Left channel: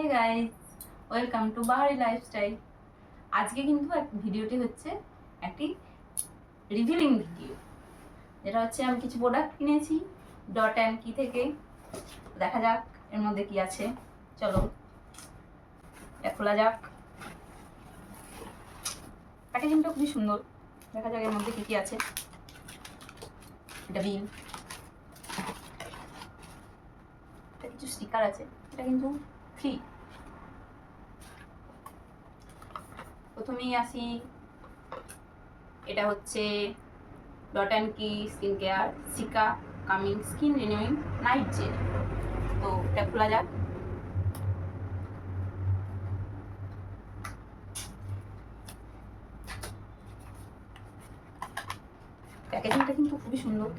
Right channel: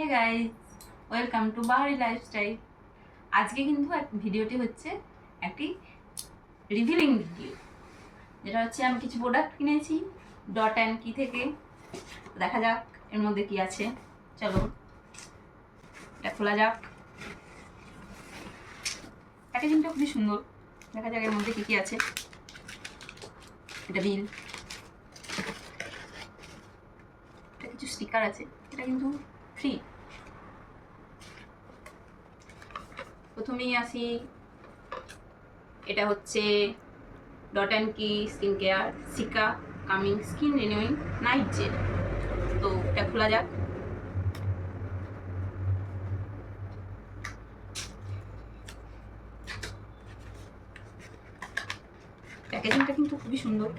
Hey guys, welcome to বাহারি lifestyle. আজকে কিন্তু ভিডিওটি হচ্ছে একটি রিভিলিং ভিডিও, যেটা হচ্ছে আমি কিছু প্রোডাক্ট কিনেছি ডট অ্যান্ড কি থেকে। দেখা যাক এর মধ্যে কি আছে। চলো এটা খোলা যাক। প্যাকেজিংটা খুবই সুন্দর। দেখা যাক এর মধ্যে কি কি আছে। এটা বিল, এটা কিছু স্টিকার আছে, এটা কিন্তু ফ্রি। প্রথমেই আসি, এটা হচ্ছে Dot and Key skin care cica calming skin renewing night gel. তো এটা খোলা যাক। প্যাকেজিংটা কিন্তু খুবই সুন্দর।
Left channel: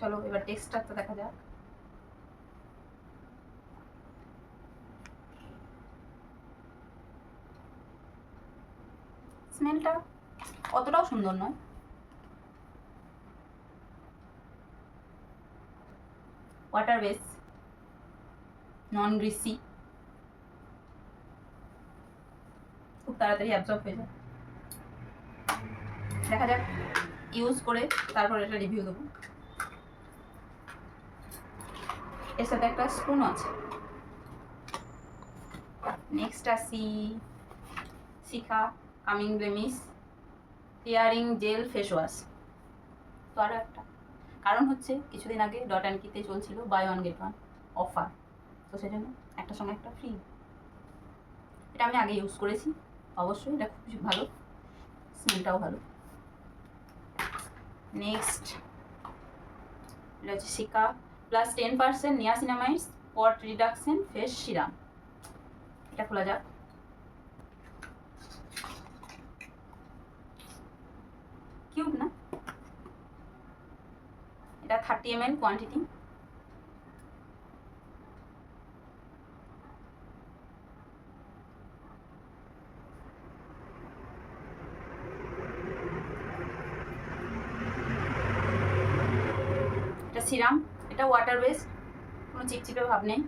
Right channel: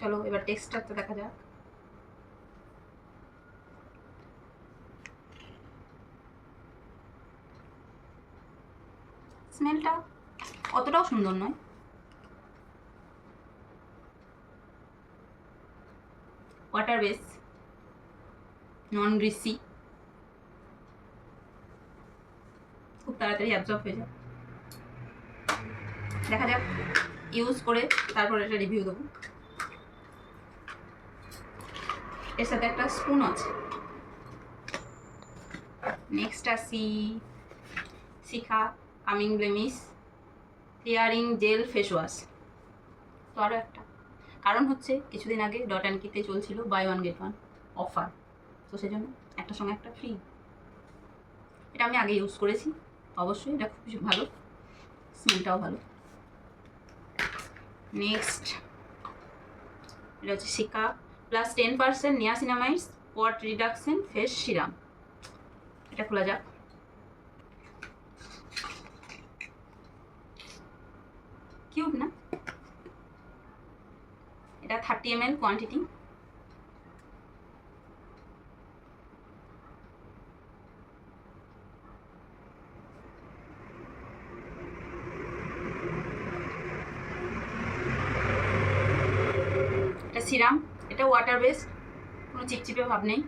চলো এবার টেক্সচারটা দেখা যাক। স্মেলটা অতটাও সুন্দর নয়। ওয়াটার বেস, নন গ্রিসি, খুব তাড়াতাড়ি অ্যাবজর্ব হয়ে যায়। দেখা যাক ইউজ করে তারপর এটা রিভিউ দেবো। এর সাথে একটা স্পুন আছে। নেক্সট আসি cica calming blemish clearing gel face wash. তো আরও একটা কারণ হচ্ছে কিছুদিন আগে ডট অ্যান্ড কিতে চলছিল buy one get one offer, তো সেজন্য একটার সঙ্গে একটা ফ্রি। এটা আমি আগে ইউজ করেছি, অবশ্যই এটা খুব ভালো, স্মেলটাও ভালো। নেক্সট এটা হচ্ছে শিকা plus 10% niacinamide spot reduction face serum. এটা খোলা যাক। কিউট না? এটা 30 ml কোয়ান্টিটি। এটা সিরাম, এটা ওয়াটার বেস, কোনো চিপচিপে ভাব নেই।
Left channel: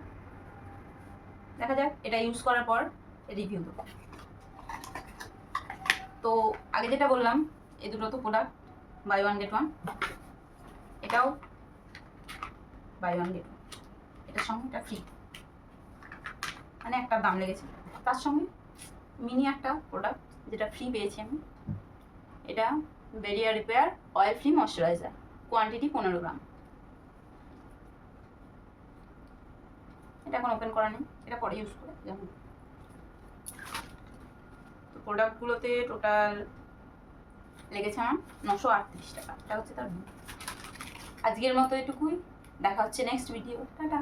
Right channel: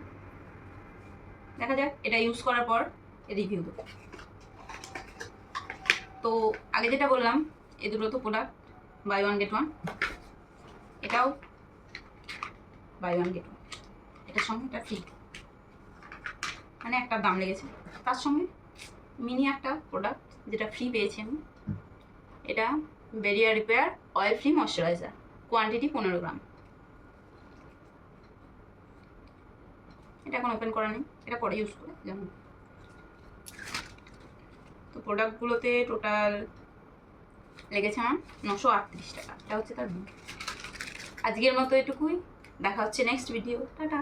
দেখা যাক এটা ইউজ করার পর রিভিউ দেবো। তো আগে যেটা বললাম, এই দুটো তো product buy one get one, এটাও বাই ওয়ান গেট ওয়ান, এটার সঙ্গে এটা ফ্রি, মানে একটা দাম লেগেছে। তার সঙ্গে মিনি একটা প্রোডাক্ট যেটা ফ্রি পেয়েছি আমি, এটা barrier repair oil free moisturiser, quantity 15 গ্রাম। এটা এখন ওপেন করা নেই, এটা পরে ইউজ করে যেমন। তো প্রোডাক্টগুলোতে টোটাল লেগেছে আমার 938 টাকা। এটা হচ্ছে তার বিল। আজকের মতো এটুকুই, দেখা হচ্ছে নেক্সট ভিডিও। টাটা।